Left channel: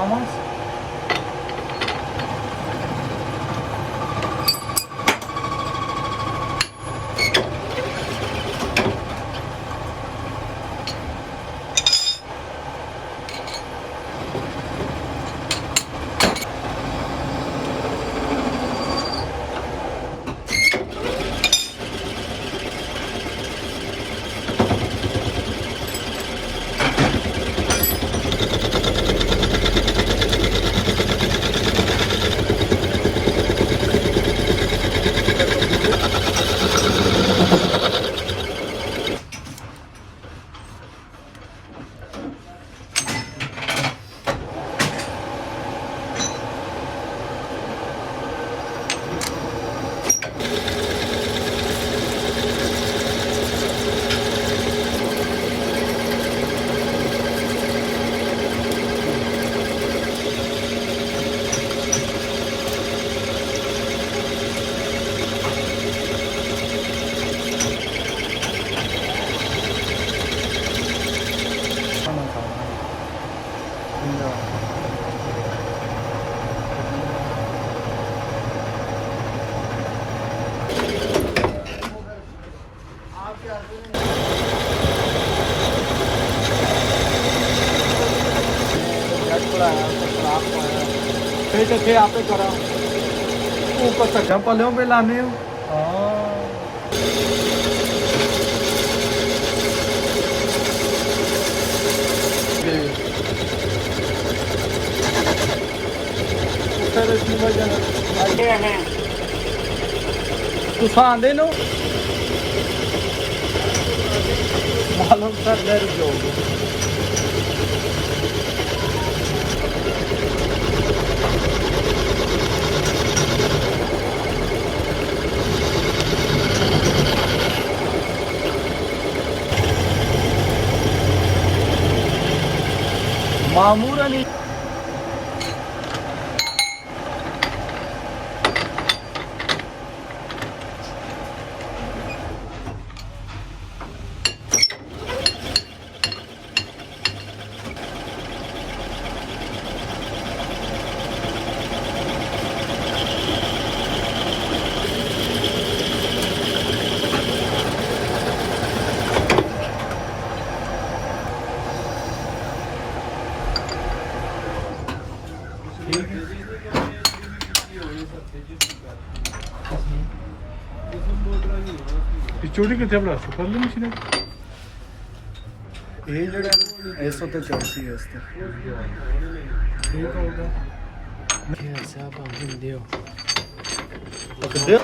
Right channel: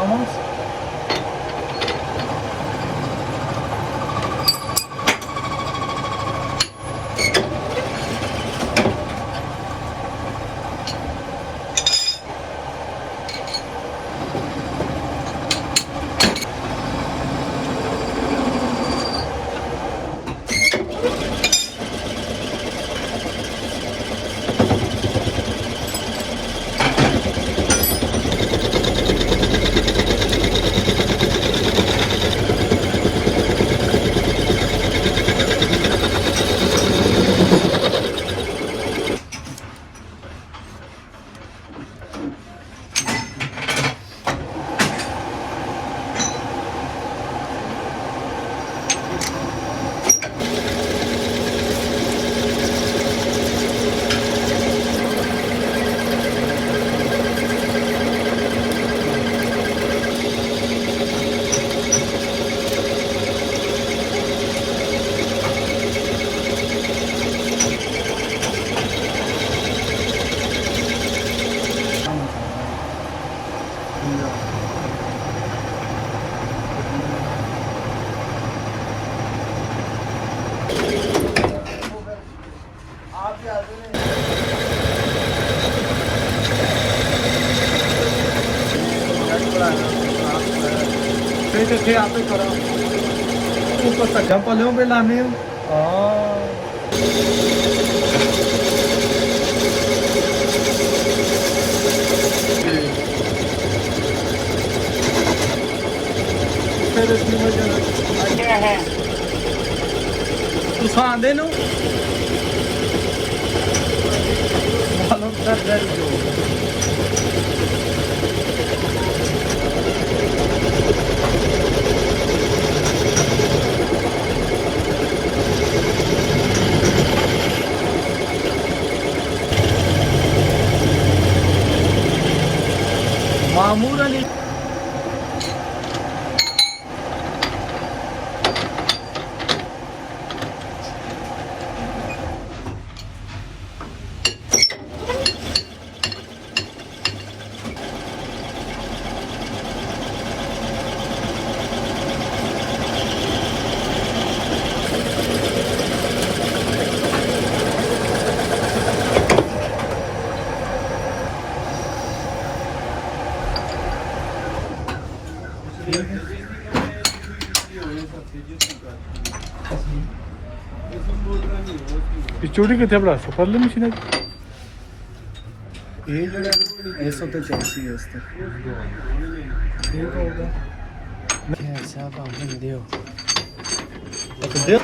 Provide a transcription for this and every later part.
Vamos. ਇੱਥੇ ਆਪੇ ਕਰਾਂ ਉੱਪਰ ਸੱਜਾ ਪਲਿਓ ਪੇ ਲਾਣੇ ਹਾਂ ਸਾਂਦੇ ਨੂੰ ਮਾਲੂਮ ਸਰ ਜੋ ਮਾਮੂਲੀ ਚੋੜੀ ਕਿੱਥੇ ਬੜਾ ਸਫਰ ਲੈ ਮਸ਼ੀਨ ਇਹ ਜਿਹੜਾ ਇਸ ਤੇ ਚੱਲਦੀ ਹੈ ਇਸ ਤੇ ਠੀਕ ਹੋ ਗਿਆ ਐਸਾ ਕੰਮ ਦਿਓ ਦਿਓ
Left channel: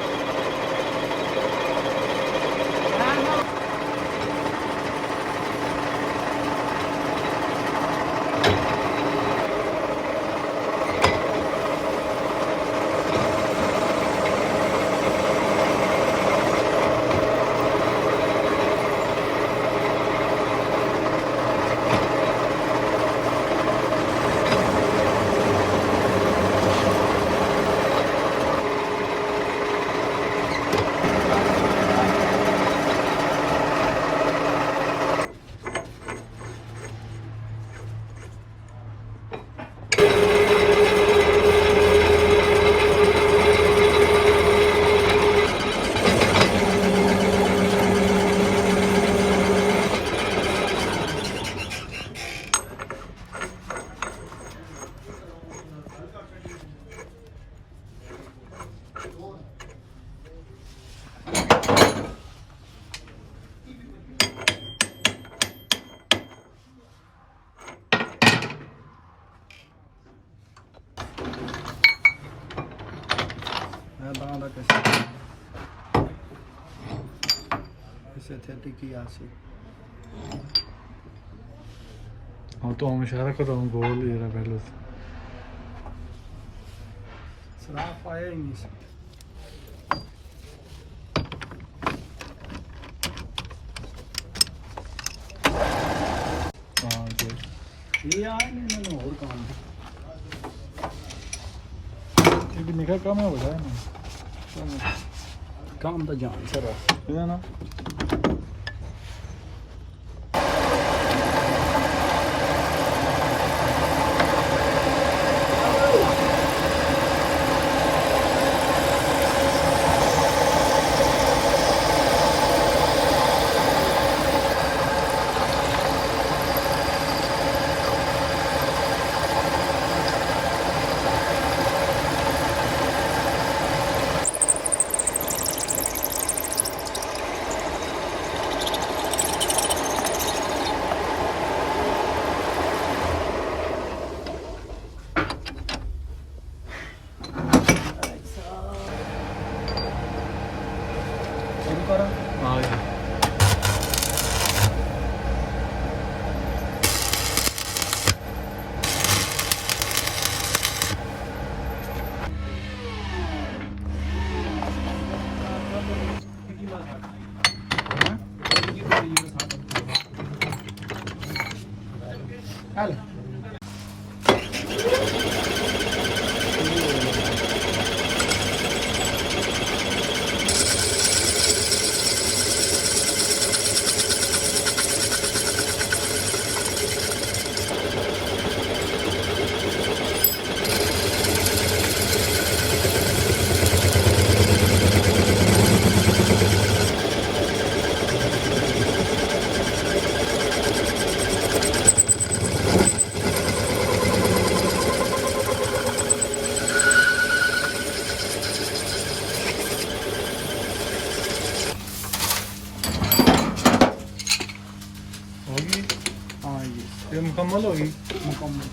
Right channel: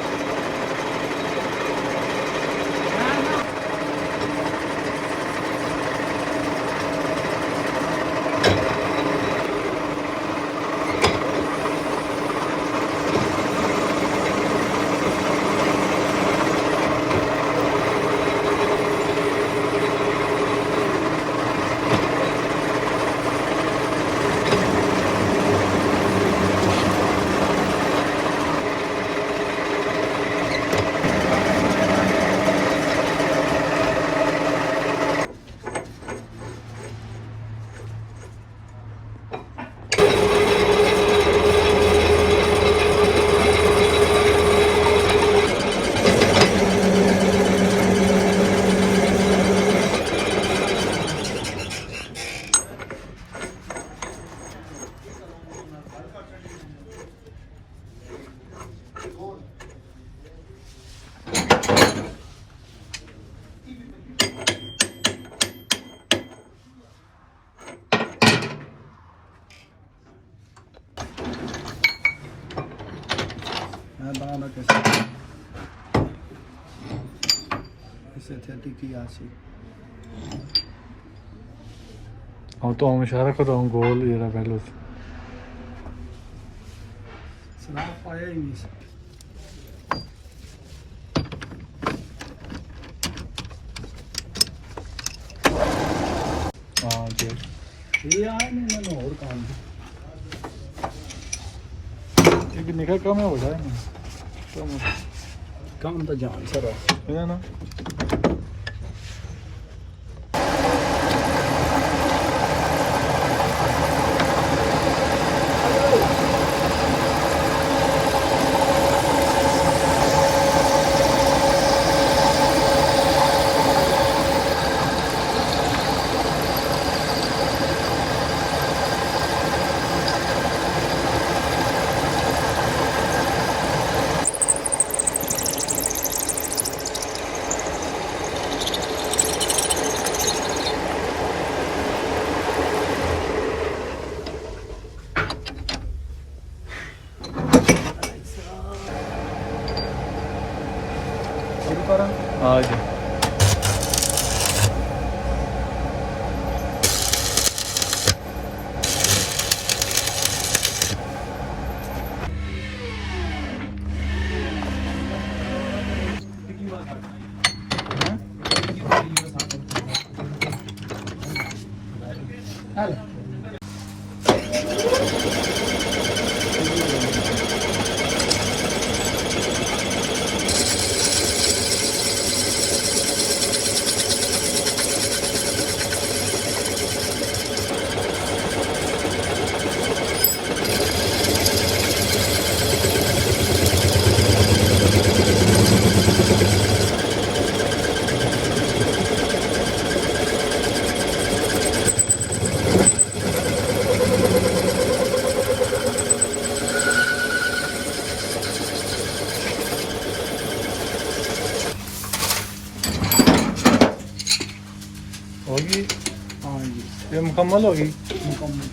तो हम इशारा कर रहा हूँ गोल ये रहा पहले सराफ आया ही नहीं हाँ जी ये आया नहीं मैंने और काम एक निकाह कम है हो जाए ना काम तो जान सर है ना Dale. ਹੋ ਗਈ ਹਾਂ ਜੀ ਇਹ ਮੁਕੰਮਲ ਹੋ ਗਈ ਮੁਕੰਮਲ